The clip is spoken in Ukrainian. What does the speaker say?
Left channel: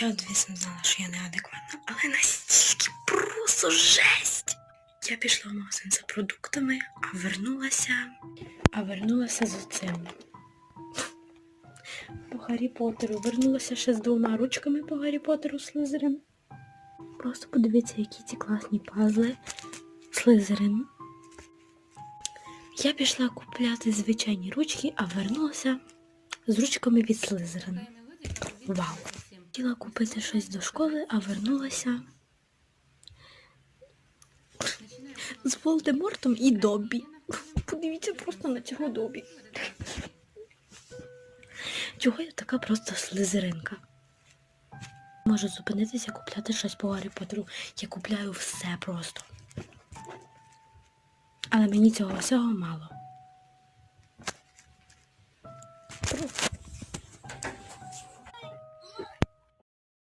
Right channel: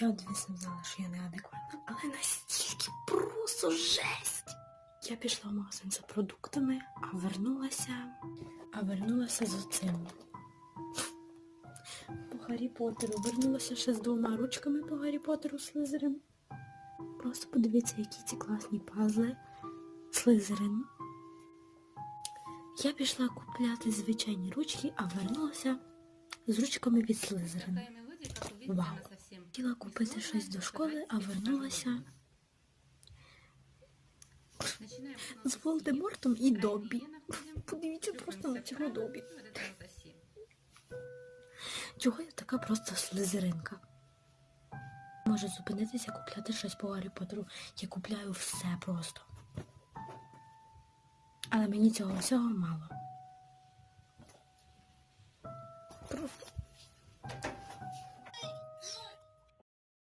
Я, звісно, знала, що я неадекватна, але настільки просто жесть. Я пішла в магазин за продуктами, а вернулася. А вернулася з цим. По Гаррі Поттеру. Вернулася ще з двома ручками по Гаррі Поттеру Слизерин. Просто подивіться, які ці класні пазли. Слизерин. Я пішла купляти звичайні ручки, а вернулася з ручками від Слизерин. Вау. Хотіла купити щось до школи, а вернулася з Волдемортом і Доббі. Подивіться просто на цього Добі. Чого я така просто слизеринка? Можу зупинитися купляти щось по Гаррі Поттеру. Я купляю все просто. Але мені цього всього мало.